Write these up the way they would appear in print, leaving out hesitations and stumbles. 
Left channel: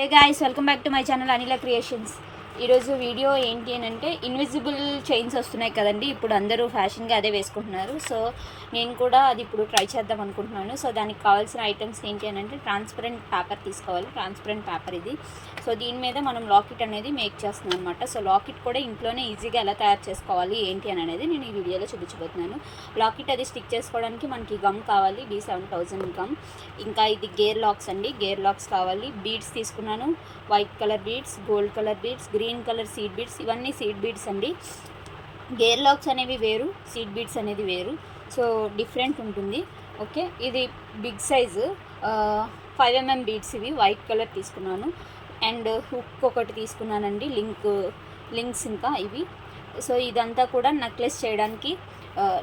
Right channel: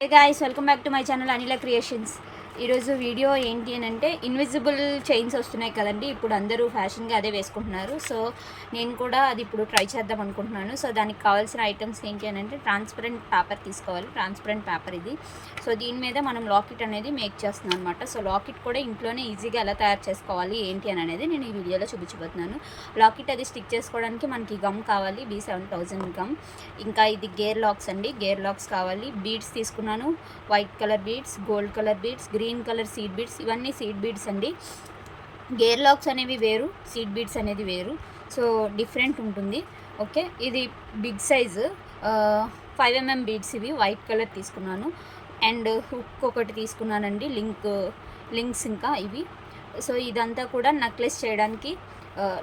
Hey guys, welcome back to my channel Anila creations. ఈరోజు video ఏంటి అని అంటే ఇన్విజిబుల్ చైన్స్ వస్తున్నాయి కదండి. ఇప్పుడు అందరూ ఫ్యాషన్గా అదే వేసుకుంటున్నారు. సో నేను కూడా అది ఇప్పుడు ట్రై చేద్దాం అనుకుంటున్నాను. సో దానికి కావాల్సిన ఐటమ్స్ ఏంటి అని అంటే ట్రాన్స్పరెంట్ పేపర్ తీసుకోవాలి. ట్రాన్స్పరెంట్ పేపర్ ఇది. సో దీని మీద మనం లాకెట్ అనేది మేక్ చేస్తున్నాం అనమాట. సో లాకెట్ కూడా ఇంట్లోనే ఈజీగా ఎలా తయారు చేసుకోవాలి ఏంటి అని అనేది నేను ఈ వీడియోలో చూపించబోతున్నాను. లాకెట్ అది స్టిక్ చేసుకోవడానికి మనకి గమ్ కావాలి, B7000 గమ్. ఇంకా ఇది గేర్ లాక్స్ అండి, గేర్ లాక్స్ కావాలి. బీడ్స్ తీసుకున్నాను, white colour beads, gold colour beads, green colour seed beads. ఇవన్నీ సీడ్ బీడ్స్ అండి. గేర్ లాక్స్ అనేవి వేరు, సీడ్ బీడ్స్ అనేది వేరు. సో డిఫరెంట్ ఉంటుంది. ఓకే, ఇది బిగ్ సైజు 5mm బీడ్స్. ఇవి వైట్ కలర్ తీసుకున్నాను. అండ్ హుక్ ఒకటి తీసుకున్నానండి, లింక్స్ ఇంకా ఇవి. సో ఇదంతా కూడా నెక్లెస్ చేయడానికి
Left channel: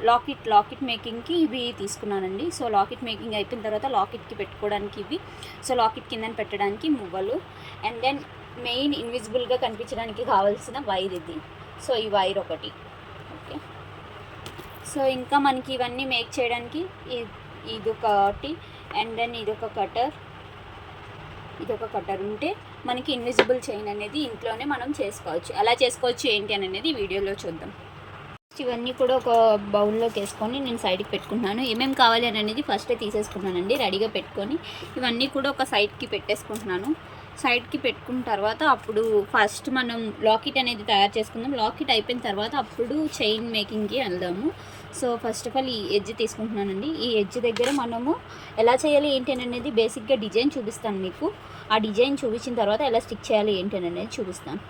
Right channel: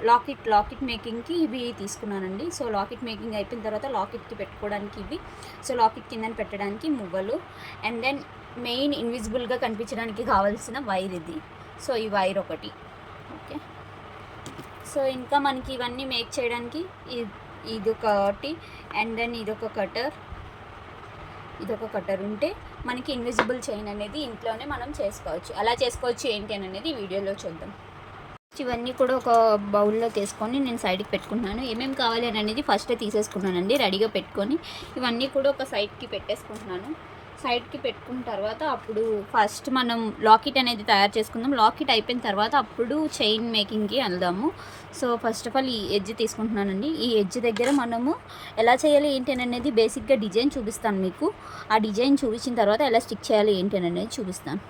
లాకెట్ మేకింగ్కి ఇవి తీసుకున్నానండి. సో లాకెట్ మేకింగ్ అయిపోయిన తర్వాత లాకెట్కి పెట్టుకోవడానికి ఇవి. సో లాకెట్ కింద పెట్టడానికి మువ్వలు. అండ్ దెన్ మెయిన్ ఇన్విజిబుల్గా కనిపించడానికి కావాల్సిన వైర్ ఇది. సో ఈ వైర్ ఒకటి. ఓకే, సో ఇంకా మనకి ఇవన్నీ మేక్ చేయడానికి ఇది ఒకటి. అండ్ దెన్ ఇదొక కటర్ ఉంటే మనకి ఇన్విజిబుల్ చైన్ అనేది ఇంట్లోనే మనం చేసుకోవచ్చు. ఎలా చేసుకోవచ్చు ఏంటి అని అనేది వీడియోలో చూద్దాం. ఇవన్నీ కూడా ఒక బౌల్లోకి వేసుకొని నేను సైడ్కి పెట్టుకుంటున్నాను. ఏమేమి కావాలి అని అనేది ఫస్టే తీసేసుకున్నానండి, రెడీగా పెట్టుకొని. ఇవన్నీ కూడా ఒక సైడ్కి పెట్టేసుకుంటున్నాను. సైడ్కి పెట్టుకున్న తర్వాత అప్పుడు ఫస్ట్ మనం లాకెట్ అనేది తయారు చేసుకుందాం. లాకెట్ అయిపోయిన తర్వాత అప్పుడు చైన్ మేకింగ్కి వెళ్దాము. సో ఫస్ట్ ఆఫ్ ఆల్ ఈ ఎడ్జ్ తీసుకుంటున్నానండి. ఈ ఎడ్జ్ దగ్గర మనము ఎలా చేయాలి ఏంటి అని అనేది బేసిక్గా డిజైన్ చూపిస్తాను మీకు. ఆ డిజైన్ చూపించిన తర్వాత ఎలా స్టిక్ చేయాలి ఏంటి అని అనేది చూపిస్తాను.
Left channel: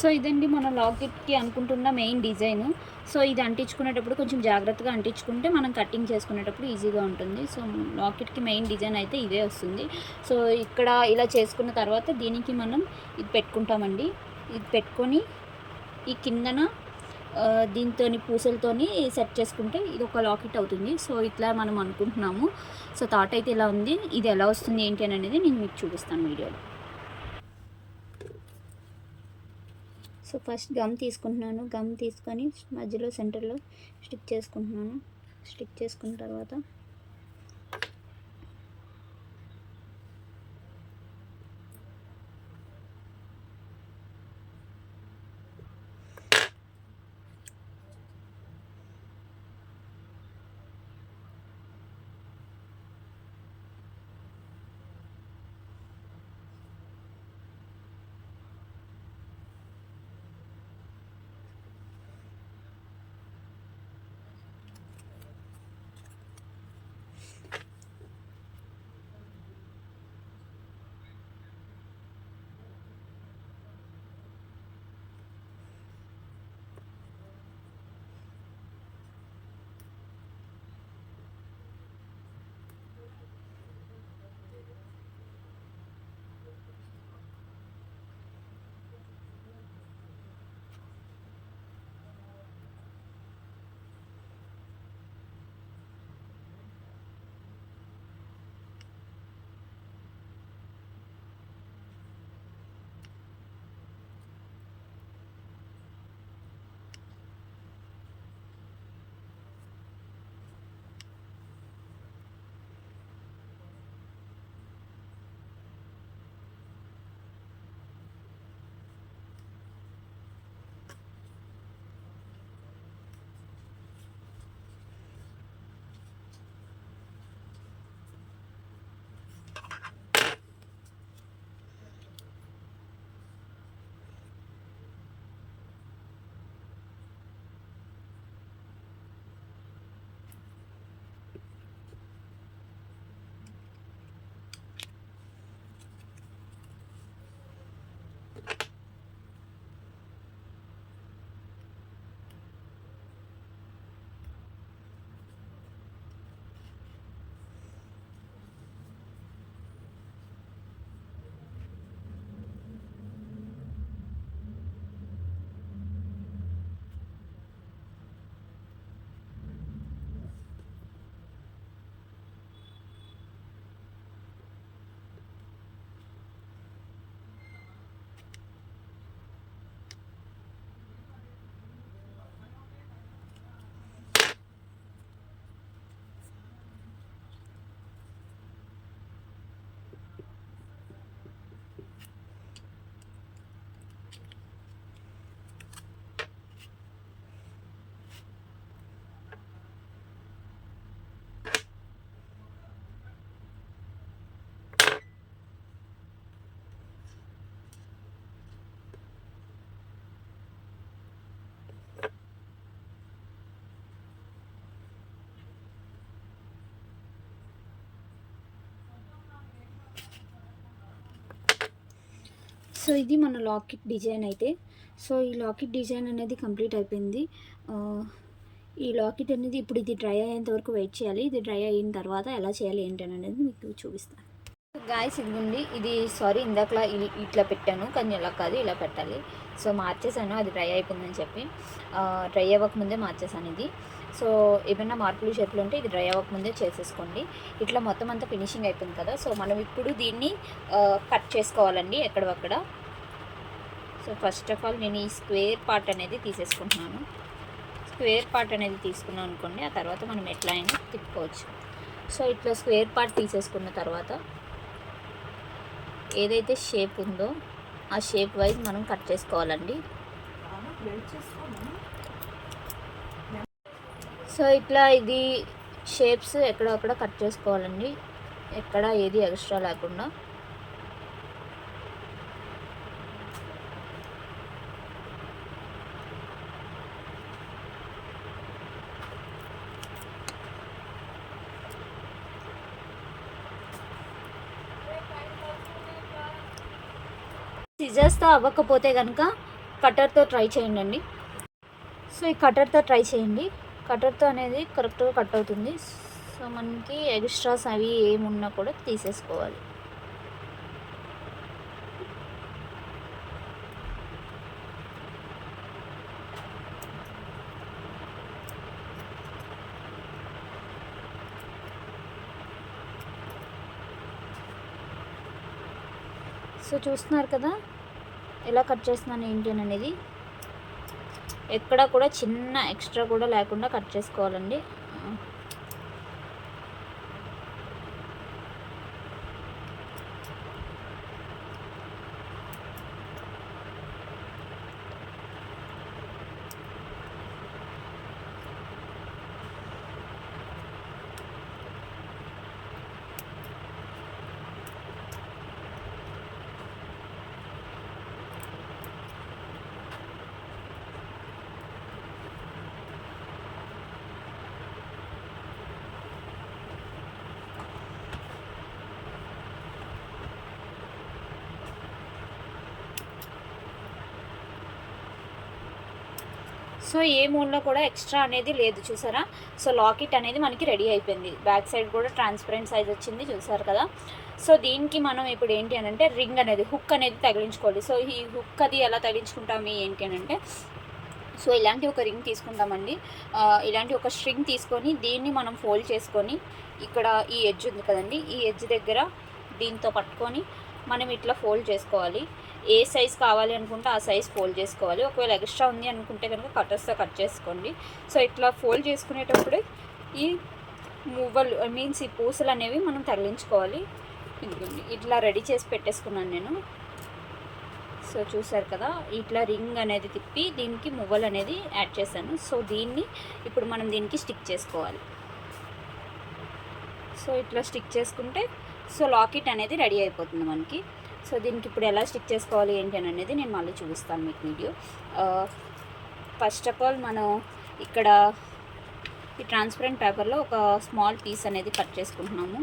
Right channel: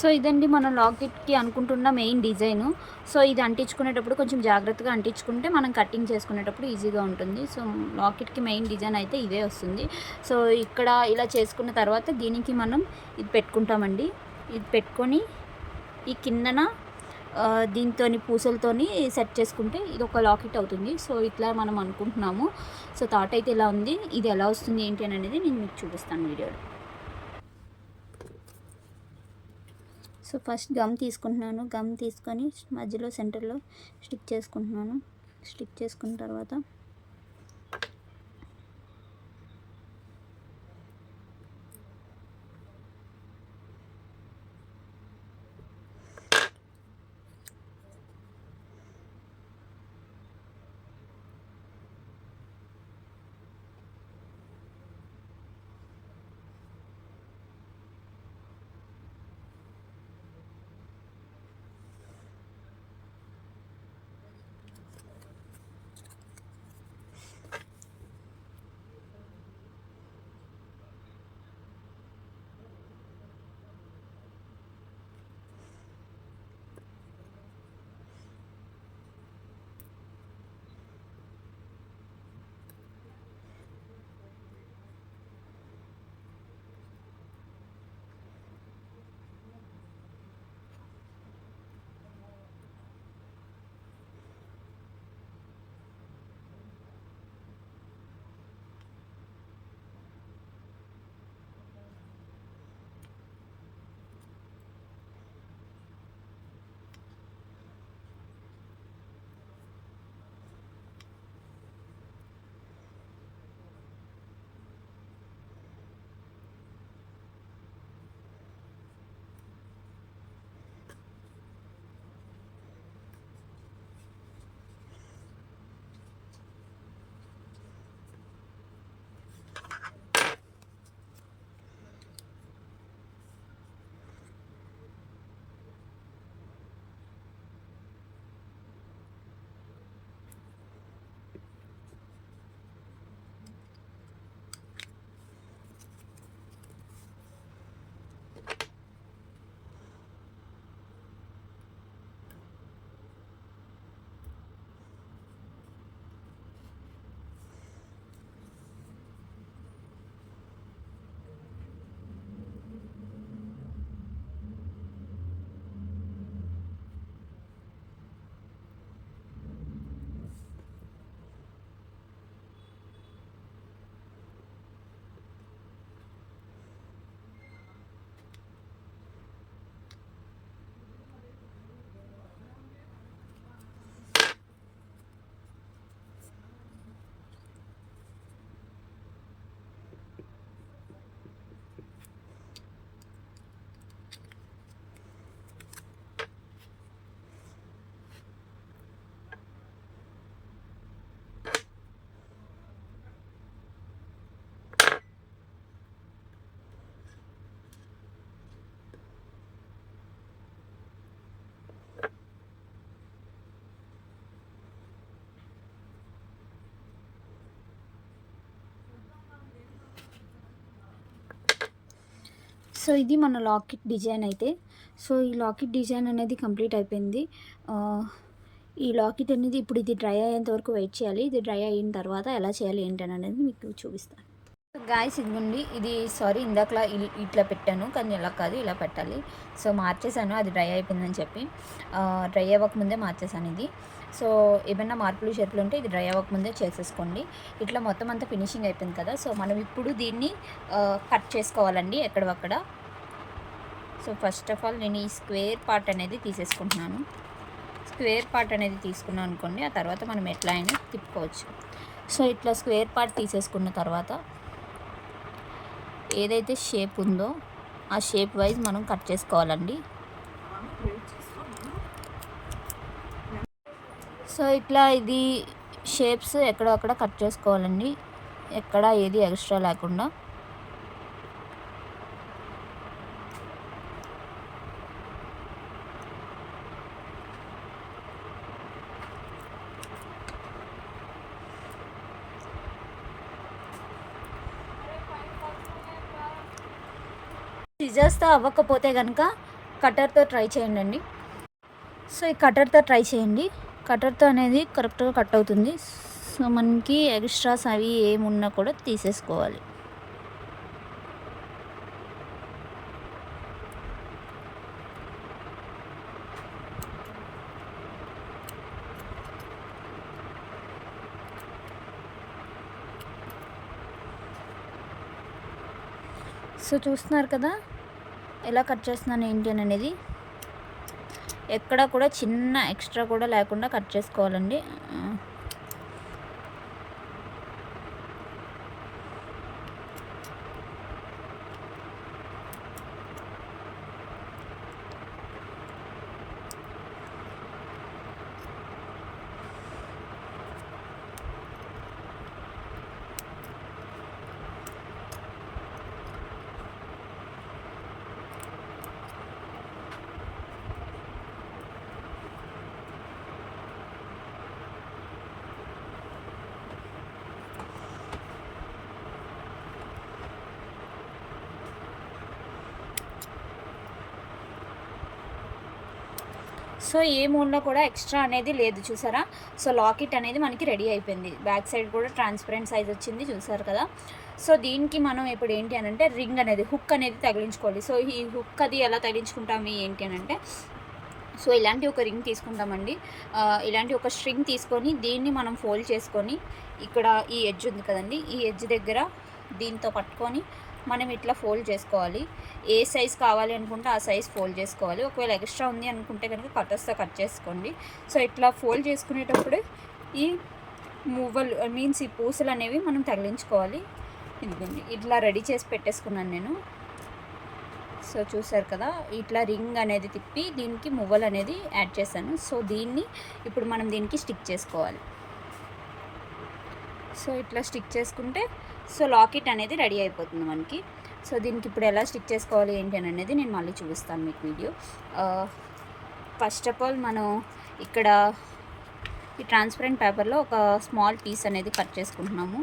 సో ఇదండి మనం లాకెట్కి అనుకుంటున్న మెయిన్ డిజైను. సో ఇది అంటించుకునేటప్పుడు కొంచెం జాగ్రత్తగా అంటించుకుంటే మనం కటింగ్ చేసుకునేటప్పుడు ఈజీగా ఉంటుంది. సో లాకెట్కి మెయిన్ డిజైన్ అయితే ఇదే వస్తుంది. సో ఇక్కడ ఇలా చేసుకున్న తర్వాత దీనికి మనం ఇది పెట్టుకుంటామండి. ఇది పెట్టుకొని ఈ కిందన దీంతో పూసలతోని సెట్ చేసుకుంటే ఇది ఒక లాకెట్ అవుతుంది. సో ఇట్లా మనం అనుకుంటున్నాము. సో థాట్ అయితే ఇలా ఉంది. ఇది ఎలా వస్తుంది ఏంటి అని అనేది నేను మీకు చూపిస్తాను వీడియోలో. సో ఫస్ట్ గమ్ తీసుకుంటున్నాను. గమ్ తీసుకొని మధ్యలో సెంటర్లో స్టిక్ చేసుకుంటున్నాను. స్టిక్ చేసుకున్న తర్వాత సో ఇది మన లాకెట్ డిజైన్ అయితే. సో ఈ లాకెట్ డిజైన్ అనేది కంప్లీట్ అయిపోయింది. ఈ లాకెట్ అనేది ఇప్పుడు ఇది డ్రై అయ్యేంత వరకు వెయిట్ చేయాలి. ఇది డ్రై అయిన తర్వాత ఎలా చేయాలి ఏంటని అనేది మీకు చూపిస్తాను. గాయస్ ఇదిగోండి, ఇది సారీ ఇందాకలా ఇట్లా పెట్టాను, కానీ ఇలా కాదు, ఇలా పెట్టాలి. సో మార్చేసాను, అది డ్రై అయిపోయిందని చెప్పి. డ్రై అవ్వకముందే మార్చేసాను ఇది. సో ఏమైనా మార్పులు షేపులు ఉంటే ఇది డ్రై అవ్వకముందే చేసేసుకోండి. ఇట్లా మొత్తం అంతా ఫినిషింగ్ అయిపోయింది కదా. సో మనం ఇప్పుడు దీన్ని కట్ చేసుకోవాలండి ఎక్కడవక్కడ. సో ఫస్ట్ ఆఫ్ ఆల్ నేను ఈ స్క్వేర్ పార్ట్ అనేది తీసేసుకుంటున్నాను. స్క్వేర్ పార్ట్ అనేది తీసుకున్నాను అనుకోండి, ఆ తర్వాత మనం ఎట్లా అయినా తిప్పుకోవచ్చు. సో ఇట్లా స్క్వేర్ పార్ట్ తీసేసుకున్న తర్వాత ఏదైతే షేప్ ఉందో ఆ షేప్ వైజ్ మనం కట్ చేసుకోవాలండి. సో ఇట్లా ఇది షేప్స్ ఎక్కడక్కడ కట్ చేసుకోవాలండి, ఎక్కడ ఏది ఎక్స్ట్రా లేకుండా. సిజర్స్తో అవ్వకపోతే కనుక కటర్తో ట్రై చేయండి. సో ఈ కటర్తో ట్రై చేయండి. కటర్తో అనేది కరెక్ట్గా కట్ అవుతుంది. సో మనకి ఎక్స్ట్రాస్ అవి ఏమున్నా కూడా తీసేసుకోవాలి. సో చూస్తున్నారు కదా ఎలా కట్ చేస్తున్నాను ఏంటి అనేది. ఎక్కడ కూడా చిన్న ఎక్స్ట్రా కూడా లేకుండా కట్ చేసుకోవాలండి. సో ఏ మూడ్లో కూడా ఎక్స్ట్రా అనేది లేదు, చూసారా. సో లాకెట్ అనేది మనకి రెడీ అయిపోయింది. బ్యాక్ సైడ్ కూడా ట్రాన్స్పరెంట్ సైజ్ వచ్చింది, చూసారు కదా. సో దీనికి మనం ఇప్పుడు ఏంటి అని అంటే రింగ్ అనేది హుక్ అనేది తగిలించుకోవాలి. సో ఈ హుక్ అది ఎలా తగిలించుకుంటాము ఏంటి అని అంటే, సో ఇలాంటి ఒక రింగ్ తీసుకుంటామండి. ఇలాంటి ఒక స్ట్రింగ్ తీసుకొని దీన్ని మనం ఫోల్డ్ చేసుకొని ఇక్కడ ఈ ఎడ్జ్ ఉంది కదండి, ఈ ఎడ్జ్ దగ్గర దీంతో పట్టుకొని మనం ఇట్లా ఫోల్డ్ చేసుకోవాలి. ఏ సైజ్ కావాలి అనుకుంటే ఆ సైజ్ ఫోల్డ్ చేసుకోవాలి. ఒకవేళ ఎక్స్ట్రా ఉంది అనుకుంటే కనుక కటర్స్తో కట్ చేసుకోండి. సో ఇట్లా ఫోల్డ్ చేసుకునేటప్పుడు ఈ మూవలు మీన్స్ ఈ పూసలు అనేవి మనం తగిలించుకోవాలి. ఇదిగోండి ఇట్లా రెడీ చేసి పెట్టేసుకున్నాను నేను. సో చూసారు కదా, ఇట్లా రింగ్ అనేది తిప్పి దీనికి మువ్వలు అనేది యాడ్ చేశాను. సో దీన్ని ఇప్పుడు మనం దీనికి స్టిక్ చేసుకోవాలి. సో ఇట్లా స్టిక్ చేసుకుంటే సో లాకెట్ అనేది రెడీ అయిపోతుంది మనకి. సో దీనికి ఇప్పుడు ఎలా స్టిక్ చేసుకోవాలి ఏంటి అని అనేది నేను మళ్ళీ చూపిస్తాను మీకు వీడియో. ఫస్ట్ ఆఫ్ ఆల్ మనం ఇక్కడ ఈ ట్రాన్స్పరెంట్ పేపర్లో ఒక స్మాల్ పీస్ అనేది కట్ చేసుకుంటున్నాము.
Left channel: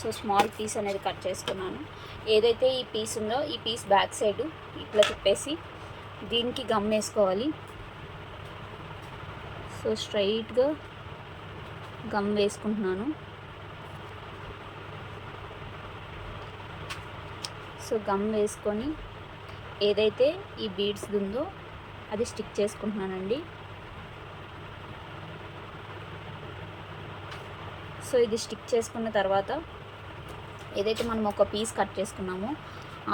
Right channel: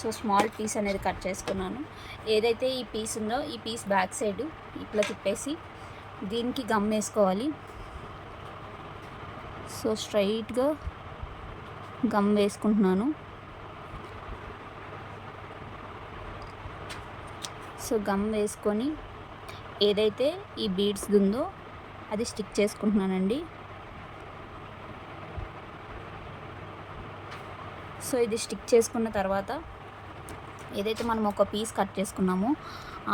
సో స్మాల్ పీస్ అనేది కట్ చేసుకున్నాను. ఏదైతే ఈ పీస్ ఉందో ఈ పీస్ బ్యాక్ సైడ్ ఇట్లా తిప్పేసి దీనికి గమ్ వేసుకోవాలి. సో స్ట్రైట్గా గమ్ వేసుకుంటున్నాను. సో గమ్ వేసుకొని ఏదైతే ఈ బీడ్స్ ఉందో అది స్టిక్ చేసుకుంటున్నానండి. సో ఇది స్టిక్ చేసుకున్న తర్వాత ఏదైతే మనం ఒక పీస్ కట్ చేసుకున్నామో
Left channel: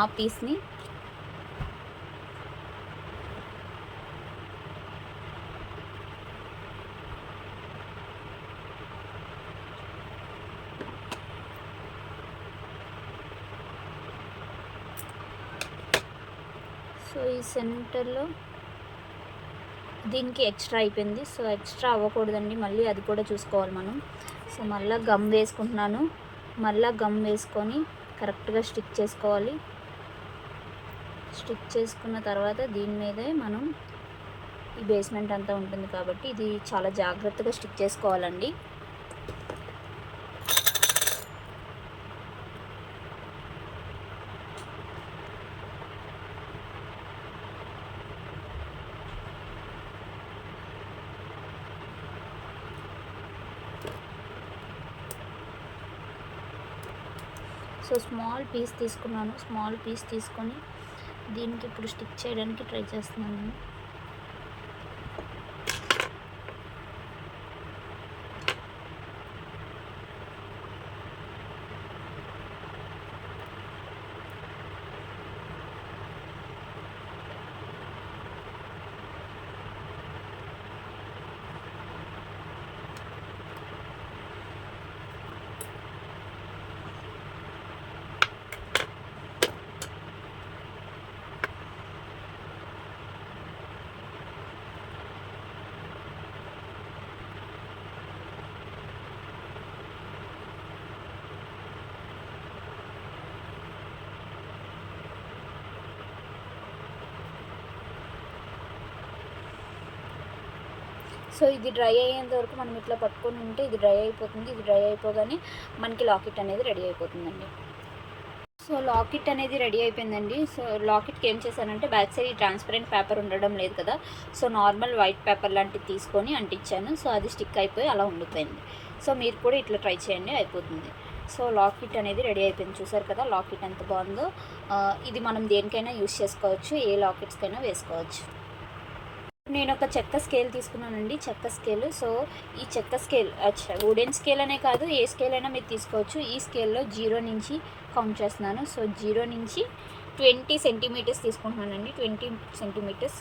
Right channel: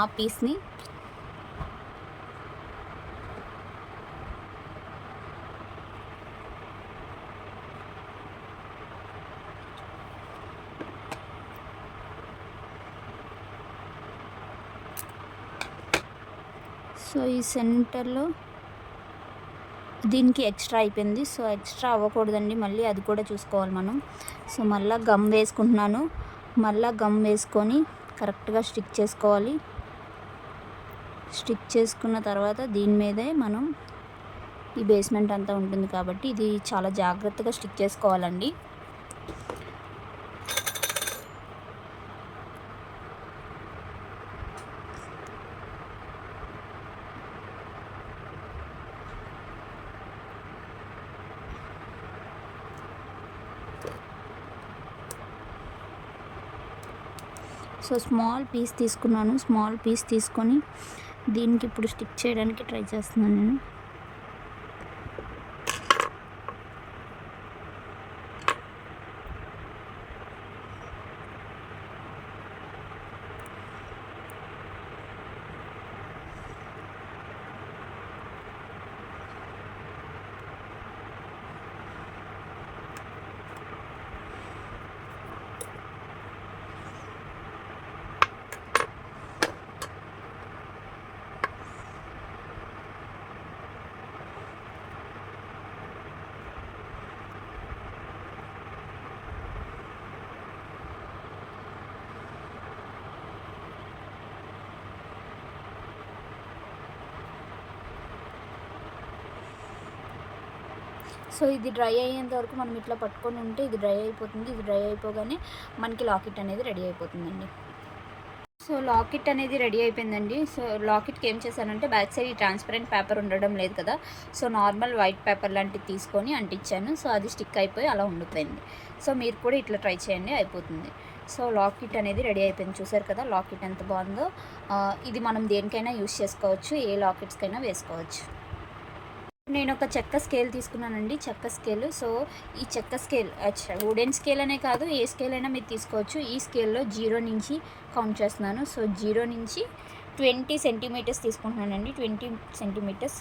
ఆ పీస్ని సో ఈ సెంటర్లో దీనికి ఎక్స్ట్రా అయిపోయింది. సో ఎక్స్ట్రా అవ్వకూడదండి, మళ్ళీ అది కూడా చూసుకోవాలి మనం. సో మళ్ళీ గమ్ వేసుకుంటున్నాను. మళ్ళీ గమ్ వేసుకొని కరెక్ట్గా స్టిక్ చేసుకోవాలి. స్టిక్ చేసుకున్న తర్వాత దీని మీదే మనం ఈ బేస్మెంట్ అంతా ఉంటుంది కాబట్టి ఇది చాలా జాగ్రత్తగా స్టిక్ చేసుకోవాలండి. సో స్మాల్ పీస్ తీసుకున్నాను. స్మాల్ పీస్ తీసుకొని దీనికి ఇప్పుడు స్టిక్ చేయడానికి ట్రై చేస్తున్నాను నేను. సో ఇది డ్రై అయ్యేంత వరకు మనం ఇట్లా పట్టుకొని ఉంటే ఇది డ్రై అయిపోతుంది. ఇది డ్రై అయిపోగానే మనకి లాకెట్ అనేది రెడీ అయిపోతుందండి. సో లాకెట్ అనేది రెడీ అయిపోయిందండి. సో లాకెట్కి ఏం చేశానంటే బ్యాక్ సైడ్ ఈ ట్రాన్స్పరెంట్ పేపర్ ఉండడం లేదు కదా, సో నార్మల్ వైట్ పేపర్ లాంటివి తీసుకొని అంటించాను. సో అది స్టిక్ అయిపోయి అలా ఉండిపోయింది. సో మీరు కూడా ఇట్లా ట్రై చేయండి, అయిపోతుంది. సో లాకెట్ అనేది రెడీ అయిపోయింది. చూసారు కదా లాకెట్ ఎంత బాగుందో. ఇది మనం దేనికైనా యూస్ చేసుకోవచ్చు, ఏ లాకెట్స్కైనా వేసుకోవచ్చు. నేను ఒక చెక్క స్కేల్ తీసుకున్నానండి, చెక్క స్కేల్. సో ఈ చెక్క స్కేల్ వుడెన్ స్కేల్ అనే కాదు, ఏ స్కేల్ అయినా మీరు తీసుకోవచ్చు. ఈ స్కేల్లో 0 నుంచి కౌంట్ చేస్తున్నాను. సో 0 నుంచి 20 సెంటీమీటర్స్ తీసుకుంటున్నానండి, 20 సెంటీమీటర్స్.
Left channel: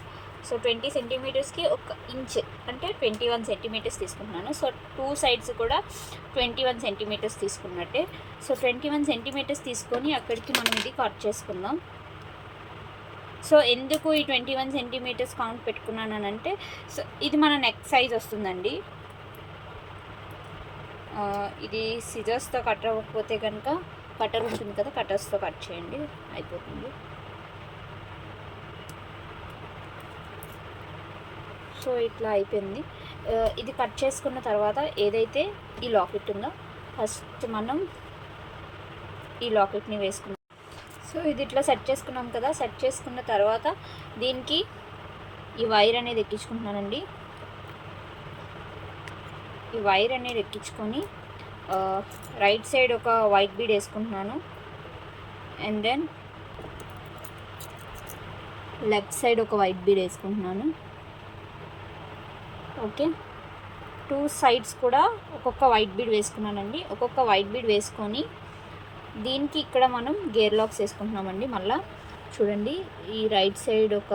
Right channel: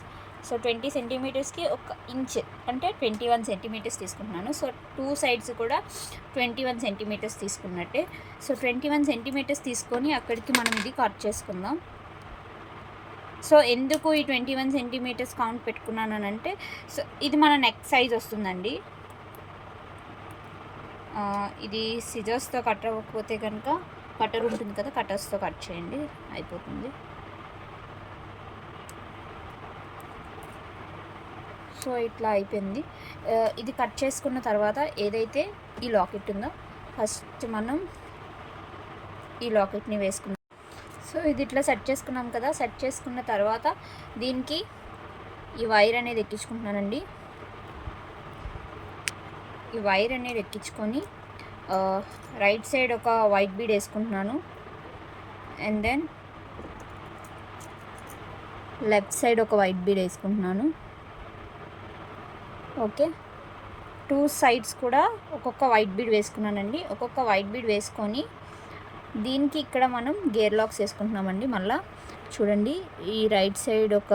సో 20 సెంటీమీటర్స్కి 1 ఇంచ్ అంటే 21 సెంటీమీటర్స్ తీసుకుంటున్నాను. సో 2 సైడ్స్ కూడా 21 సెంటీమీటర్స్ తీసుకున్నట్టే. సో 21 సెంటీమీటర్స్ తీసుకొని అక్కడికి మనం ఇది కట్ చేసుకుందాం. సో ఎందుకు ఈ 21 సెంటీమీటర్స్ కౌంట్ పెట్టుకున్నాను అంటే, సో ఇది మన నెక్ సైజ్ వస్తుందండి. ఇది సిజర్స్తో కట్ అవ్వకపోతే కనుక కటర్ ఉంటుంది కదా, కటర్స్తో కట్ చేయండి, అయిపోతుంది. సో ఇట్లా అయిపోయింది. ఇది కట్ చేసుకున్న తర్వాత ఏదైతే ఈ లాకెట్ ఉందో ఫస్ట్ మనం ఈ లాకెట్ని వేసుకున్నాం. సో ఇది ఇట్లా సెట్ చేసుకున్నాం కదా, సెట్ చేసుకున్న తర్వాత దీనికి ఈ వైర్ అనేది ఎక్కించుకుంటున్నానండి. ఈ వైర్ అనేది ఎక్కించుకొని రైట్ సైడ్ ఒక వైట్ బీడ్ వేసుకుంటున్నాను. అండ్ దెన్ లెఫ్ట్ సైడ్ ఒక వైట్ బీడ్ వేసుకుంటున్నాను. ఓకే, 2 సైడ్స్ కూడా ఒక్కొక్క వైట్ బీడ్ వేసుకున్నానండి. ఒక్కొక్క వైట్ బీడ్ వేసుకొని దీనికి ఇక్కడ మనం గేర్ లాక్స్ వేసుకుంటున్నామండి. మళ్ళీ చూడండి, ఈ రైట్ సైడ్ ఒక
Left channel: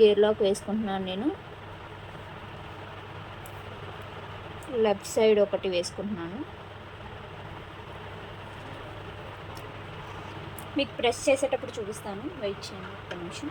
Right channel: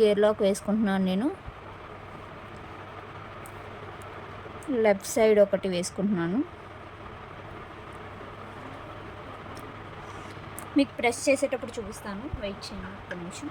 గేర్ లాక్ వేసుకుంటున్నాను నేను, లెఫ్ట్ సైడ్ ఒకటి వేసుకుంటున్నాను. మీకు ప్రెస్ చేసేటప్పుడు చూపిస్తాను, వెయిట్ చేయండి ఒక్క నిమిషం.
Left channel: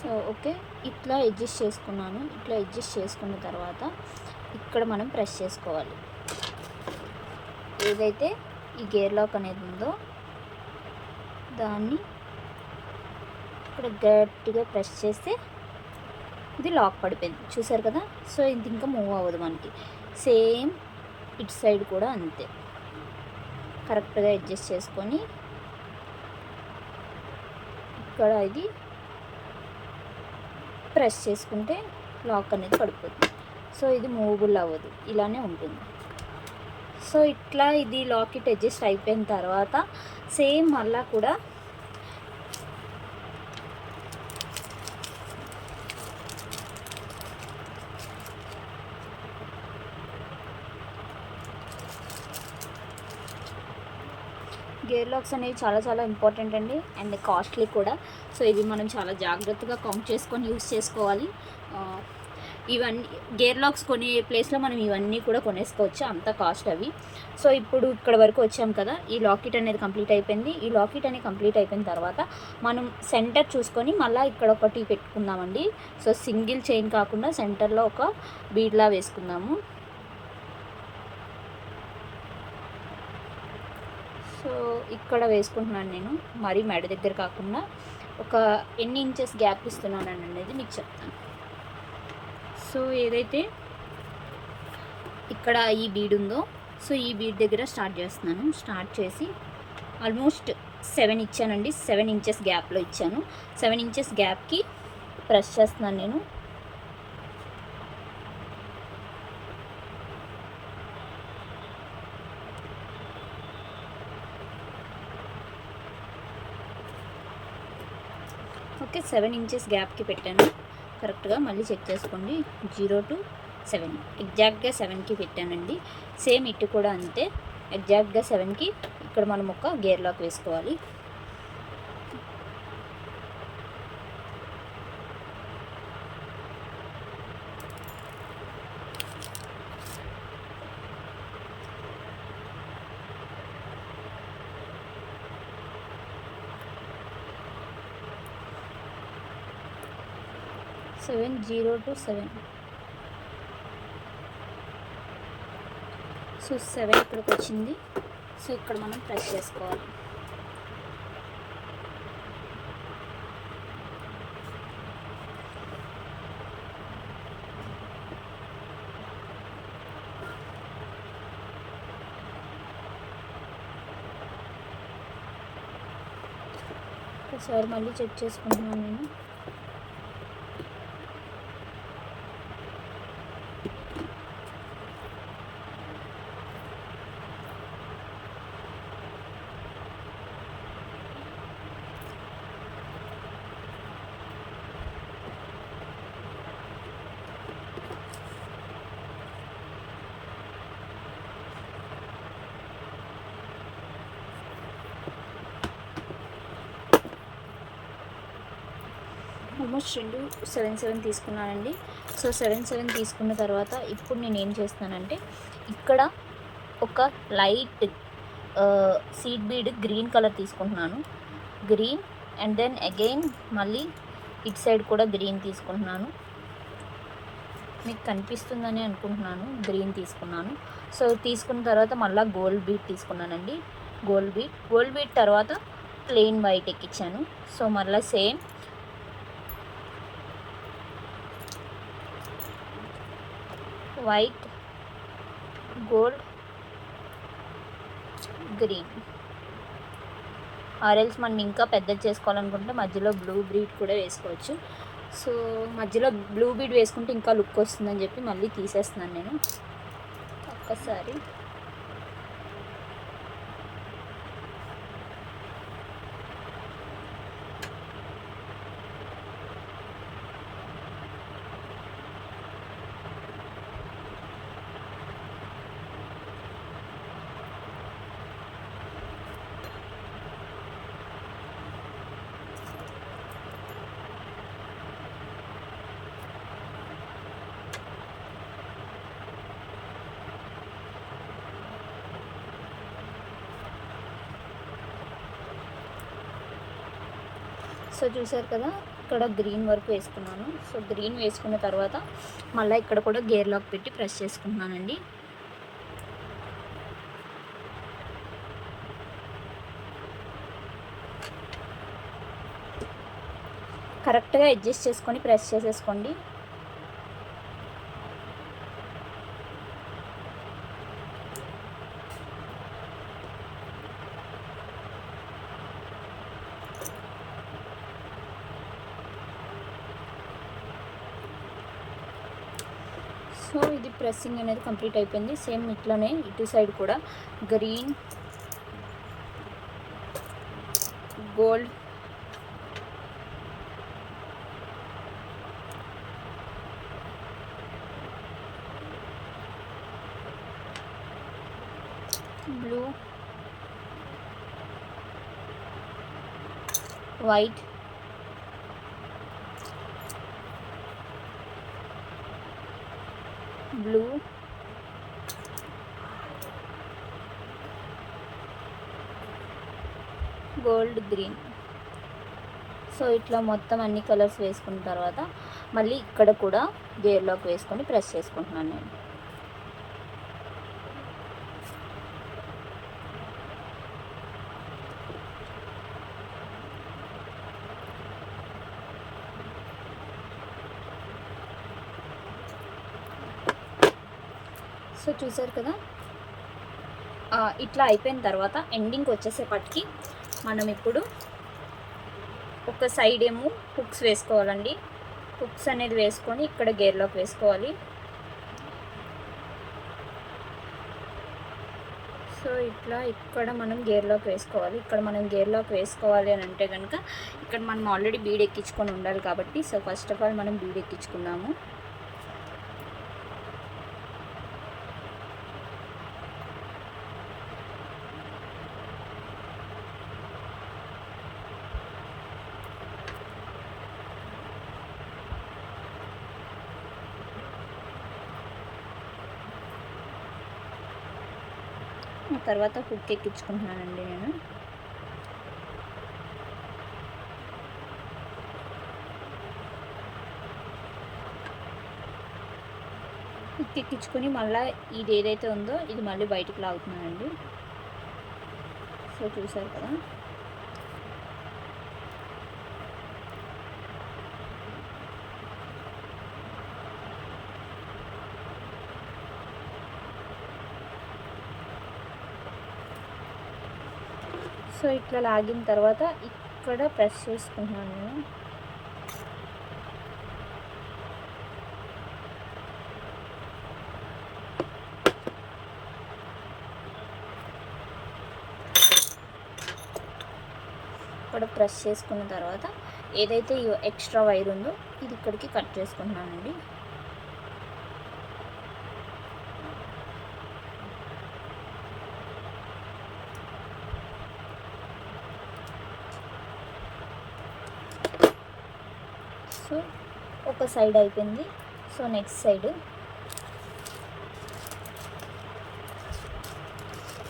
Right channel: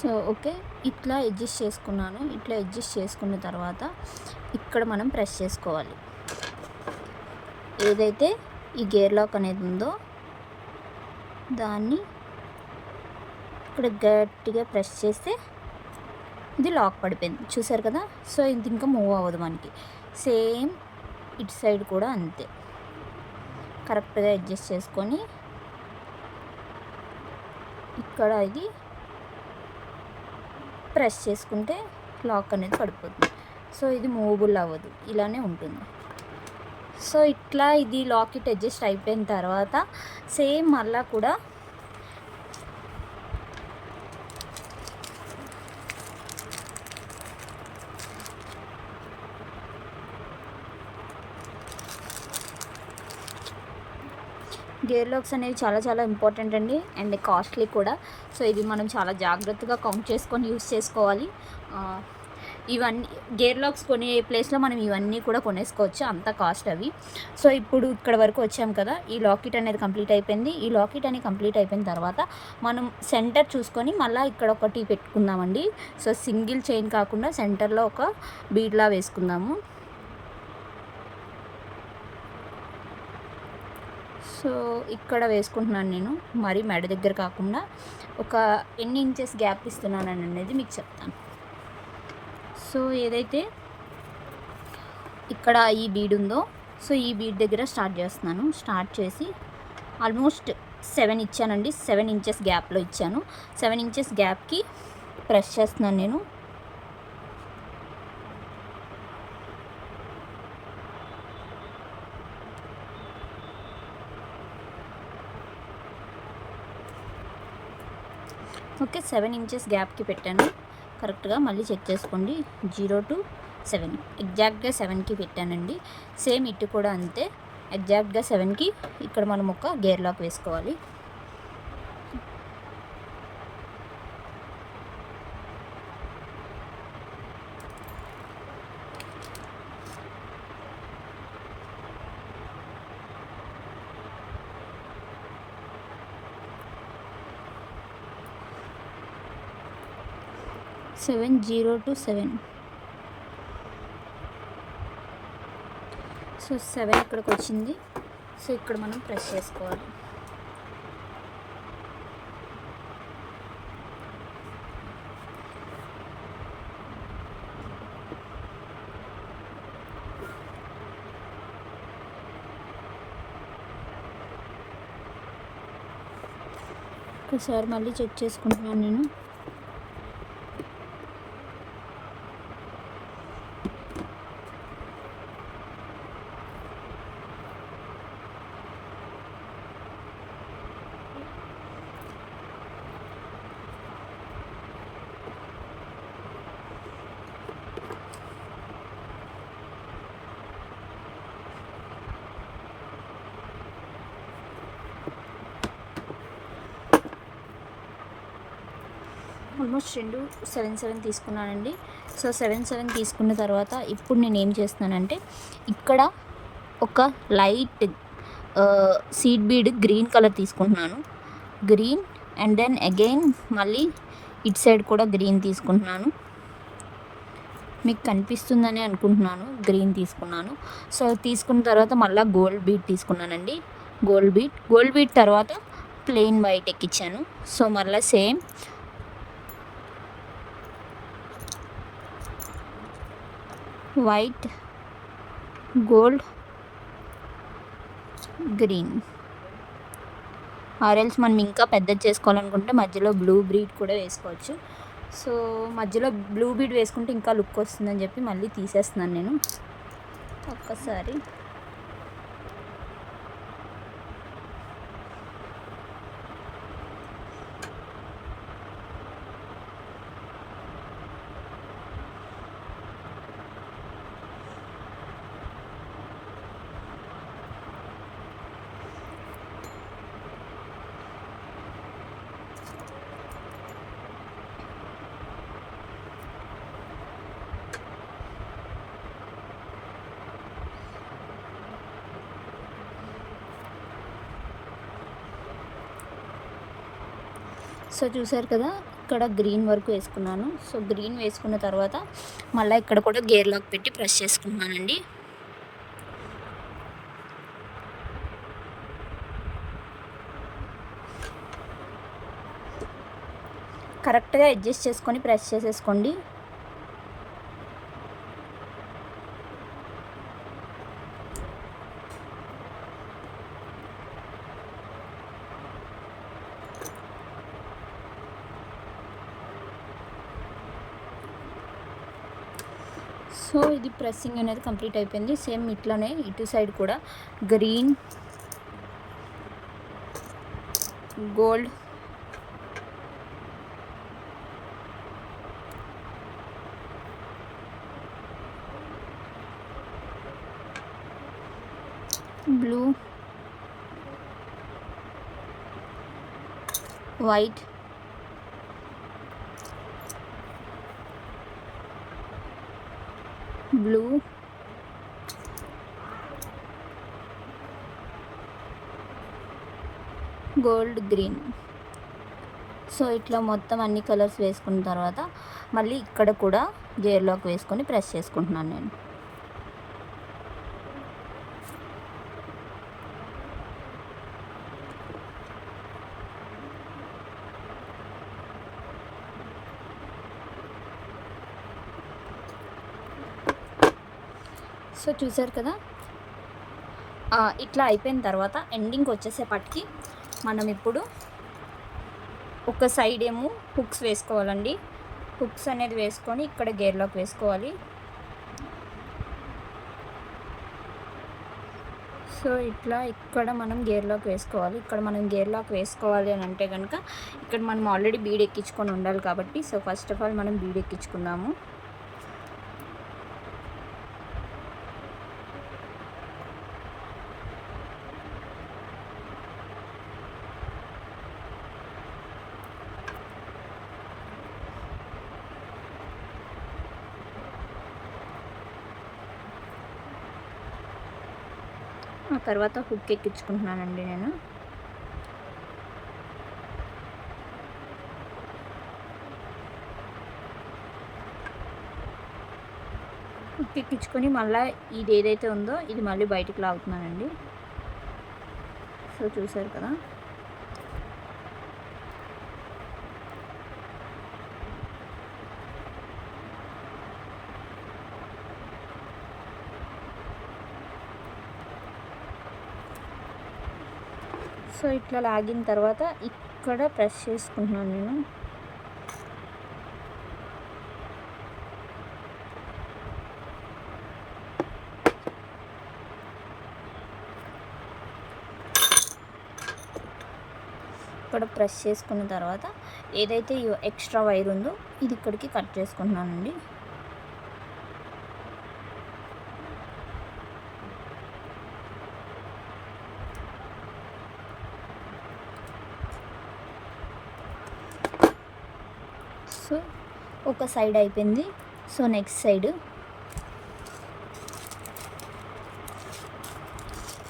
సో ఓకే, ఇట్లా అడ్జస్ట్ చేసుకున్నాను. ఇట్లా అడ్జస్ట్ చేసుకున్న తర్వాత ఇక్కడ మనం ప్రెస్ చేసుకోవాలి. ఏదైతే ఈ గేర్ లాక్ అనేది ఉందో దాన్ని ఇక్కడ గట్టిగా ప్రెస్ చేస్తే ఇది లాక్ పడిపోయింది, చూసారు కదా. సో ఇది ఇంకా మూవ్ అవ్వదు మనకి. సేమ్ ఇటు సైడ్ కూడా అంతే, కరెక్ట్గా అడ్జస్ట్ చేసుకొని ఇక్కడ ఇది ప్రెస్ చేసుకుంటే లాక్ అనేది పడిపోతుంది. సో ఇది మూవబుల్ అవ్వదు, ఇలానే ఉంటుంది. సో ఇట్లా ఇది లాకెట్ అడ్జస్ట్ అయిపోయిన తర్వాత సేమ్ మళ్ళా కూడా గేర్ లాక్స్ అనేవి చాలా చాలా ఇంపార్టెంట్ అండి, అండ్ కాస్ట్లీ కూడా. సో ఇవి మనం చాలా జాగ్రత్తగా కౌంట్ చేసుకొని యూస్ చేసుకోవాలి. ఇవన్నీ గేర్ లాక్స్ కొనే ప్లేస్లో మనం ఇవన్నీ కూడా కొనేసుకోవచ్చు, అంత కాస్ట్ అవి. సో ఇప్పుడు ఇక్కడ వరకు వచ్చాం కదా, ఈ లాకెట్ అనేది కంప్లీట్ అయిపోయింది. ఈ లాకెట్ అనేది కంప్లీట్ అయిపోయిన తర్వాత మనం సెంటర్ చూసుకొని మళ్ళీ ఇక్కడ ఒకటి పెట్టుకుందామండి. సో సింగిల్ చైన్ కాకుండా సెంటర్లో ఒక బీడ్లా వేసుకుందాము. సో ఇక్కడ వేసుకుంటున్నాను నేను, మరీ మెడ దగ్గర కాకుండా ఒక ఎన్ని ఇంచెస్ గ్యాప్ ఇస్తున్నాను అనేది మీకు చెప్తాను. సో ఏదైతే ఇక్కడ ఈ బీడ్ ఉందో, సో ఈ బీడ్ దగ్గర స్టార్ట్ చేస్తున్నాను. స్టార్ట్ చేసి ఆల్మోస్ట్ 7 ఇచ్చానండి. 7 ఇంచెస్ గ్యాప్లో ఇచ్చాను. 7 ఇంచెస్ గ్యాప్కి ప్రెస్ చేస్తున్నాను నేను. ఓకే, 7 ఇంచెస్ గ్యాప్కి పెట్టాను కరెక్ట్గా. మళ్ళీ చెక్ చేసుకోండి. 0 to 7 ఎగ్జాక్ట్గా 7కి పెట్టానండి. సేమ్ ఇటు కూడా అంతే, ఎగ్జాక్ట్గా 7కి ఇక్కడ మనం ఒక గేర్ లాక్ వేసుకోవాలి. Seven 0 to 7. సో 7 ఇక్కడికి వచ్చింది. సో ఇక్కడ మనం ప్రెస్ చేసుకోవాలి. ఒకసారి మళ్ళీ చెక్ చేసుకుంటున్నాను నేను. ఆల్మోస్ట్ 2 7 తీసుకున్నానండి. సో 7 తీసుకున్న తర్వాత ఇప్పుడు నేను ఏం చేస్తున్నానంటే ఇక్కడ ఒక light seed bead green colour తీసుకుంటున్నాను. గ్రీన్ అండ్ దెన్ అగైన్ మళ్ళీ ఇటు సైడ్ కూడా గ్రీన్ తీసుకుంటున్నాను. మీకు కనిపిస్తుందని అనుకుంటున్నాను. గ్రీన్ తీసుకున్నాను. సో తీసుకున్న తర్వాత మళ్ళీ గోల్డ్ బీడ్ తీసుకున్నానండి. గోల్డ్ బీడ్ తర్వాత ప్లెయిన్ వైట్ ఎక్కించాను. సో మళ్ళీ same white, gold, green. Or else మనం ఇంకా పెద్దది చేసుకోవాలనుకుంటే మధ్యలో బ్లూ బీడ్ కూడా వేసుకోవచ్చు. సో మధ్యలో బ్లూ బీడ్ వేసుకుంటే ఇంకా లుక్ వస్తుందని చెప్పి మళ్ళీ తీసేస్తున్నాను నేను ఒక్కసారి. సో చూసారు కదా, ఇక్కడ గ్రీన్ వరకు వేసుకున్నాను. సో గ్రీన్ వేసుకున్న తర్వాత మళ్ళీ ఇక్కడ కూడా గేర్ లాక్ పెట్టి ప్రెస్ చేసుకుంటున్నానండి. కరెక్ట్గా అడ్జస్ట్ చేసుకొని ప్రెస్ చేసేసుకోండి. సో ఇది ప్రెస్సింగ్ అనేది కంప్లీట్ అయిపోయింది. సేమ్ ఇట్లానే ఇటు సైడ్ కూడా green, gold, blue, white, blue, gold, green. So ఇట్లా మొత్తం అన్ని కలర్స్ వేసుకున్న తర్వాత మళ్ళీ ఇక్కడ కూడా గేర్ లాక్ వేసుకొని ప్రెస్ చేసుకుంటున్నాను నేను. సో చూసారు కదా, ఇట్లా అయిపోయిన తర్వాత ఎండింగ్కి వచ్చేసేపటికి మనం ఇప్పుడు ఒక సైడ్ ఏమో హుక్స్ వేసుకోవాలండి. హుక్స్ అనేది వేసుకొని ఇక్కడ గేర్లోకి వేసుకోవాలి. సో ఇట్లా ఇక్కడ మనం గేర్లోకి వేసుకోవాలి. ఇక్కడ మనం గేర్లోకి వేసుకోవాలి అని అంటే కనుక ఇక్కడ మనం ఆల్రెడీ బీడ్ ఎక్కించుకొని ఉండాలి కాబట్టి, సో ఫస్ట్ ఆఫ్ ఆల్ మనం బీడ్ ఎక్కించుకున్నాము. ఆ తర్వాత హుక్ ఎక్కించుకుంటున్నానండి నేను. హుక్ ఎక్కించుకొని మళ్ళీ ఇది ఏదైతే ఉందో ఇది మళ్ళీ బయటికి లాగుతున్నానండి. సో చూసారు కదా, సో ఇట్లా లాగిన తర్వాత ఇక్కడ ప్రెస్ చేసుకుంటున్నాను నేను. ఇక్కడ ప్రెస్ చేసుకున్న తర్వాత ఏదైతే ఎక్స్ట్రా వైర్ ఉందో ఇది ఇక్కడికి కట్ చేసుకుంటున్నానండి. సో ఒక సైడ్ అయిపోయింది. So next side.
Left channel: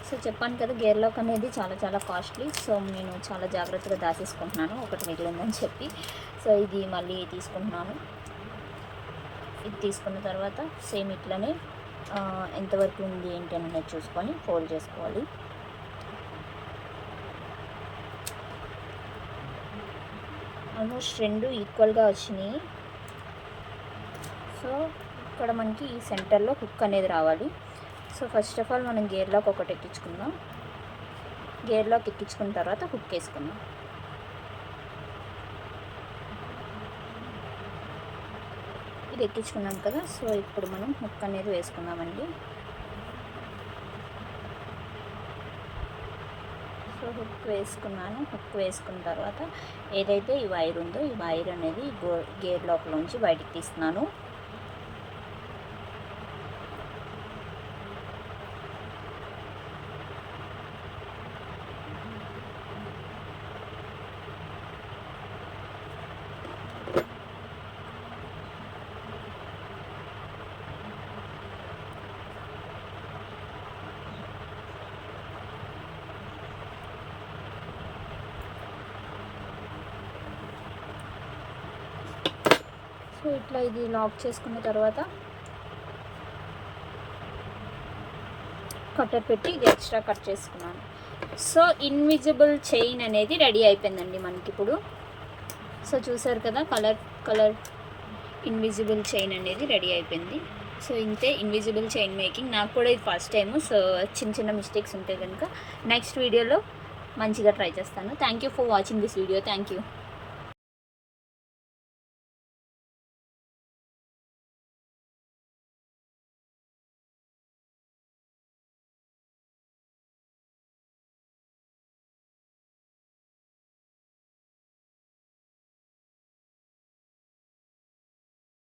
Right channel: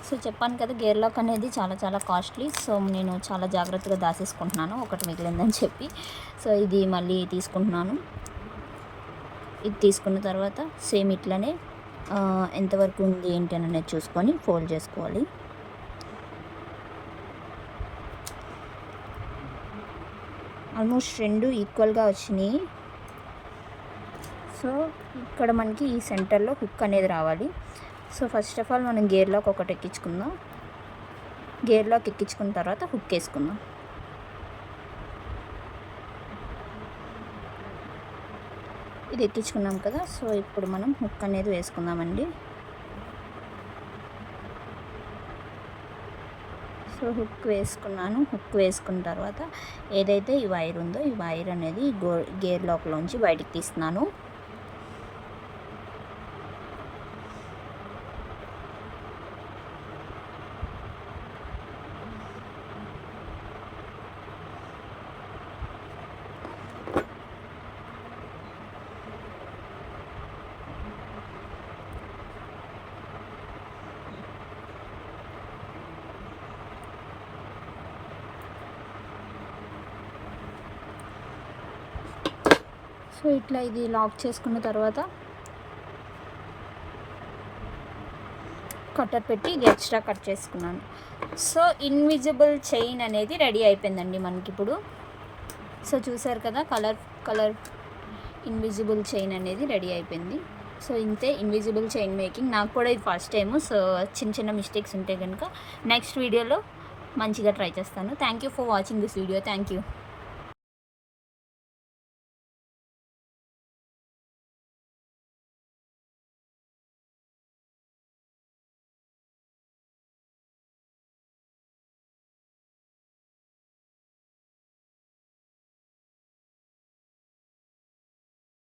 సో చెప్పాను కదా, గేర్ లాక్ అనేది చాలా చాలా కాస్ట్లీ. సో నేను చాలా జాగ్రత్తగా దాచేసుకుంటున్నాను ఒకటి మిగిలిందని చెప్పి. సో ఇది మళ్ళీ తీసుకుంటున్నాను. ఇది తీసుకున్న తర్వాత సేమ్ ఇట్లనే ఎంతవరకు ఉంది ఏంటి అనేది చూసుకొని ఫోల్డ్ చేసుకోవాలి. ఆల్మోస్ట్ రెండు ఈక్వల్గా వచ్చినాయి. సో ఇక్కడ మనకి ఈ సెంటర్లో హుక్ అనేది రావాలి. సో ఫస్ట్ ఆఫ్ ఆల్ మనం గేర్ లాక్ ఒకటి ఎక్కించుకుందాం. గేర్ లాక్ ఎక్కించుకున్న తర్వాత హుక్ వేసుకుందాం. ఇది ఎక్కించుకున్నాం కదా, సో ఇప్పుడు మనం హుక్ అనేది వేసుకుందామండి. సో హుక్ వేసుకున్నాను. హుక్ వేసుకున్న తర్వాత ఏదైతే ఈ వైర్ ఉందో ఈ వైర్ అనేది గేర్ లాక్లోంచి బయటికి తీస్తున్నాను. సో ఇట్లా ఇది లాక్ చేసుకున్న తర్వాత కట్టర్ పెట్టి ఇది ఎక్స్ట్రా కట్ చేసుకున్నాను. సో ఇన్విజిబుల్ చైన్ అనేది రెడీ అయిపోయిందండి మనకి ఇప్పుడు. సో చూసారు కదా, కలర్ ఇన్విజిబుల్ చైన్ అనేది రెడీ అయిపోయింది. సో ఇంతే ఇన్విజిబుల్ చైన్ మేకింగ్. నాకు కూడా ఇది ఫస్ట్ టైము. సో చిన్న చిన్న మిస్టేక్స్ ఉంటే కనుక నెక్స్ట్ వీడియోలో మంచిగా ట్రై చేస్తాను. Thank you for watching this video. Thank you.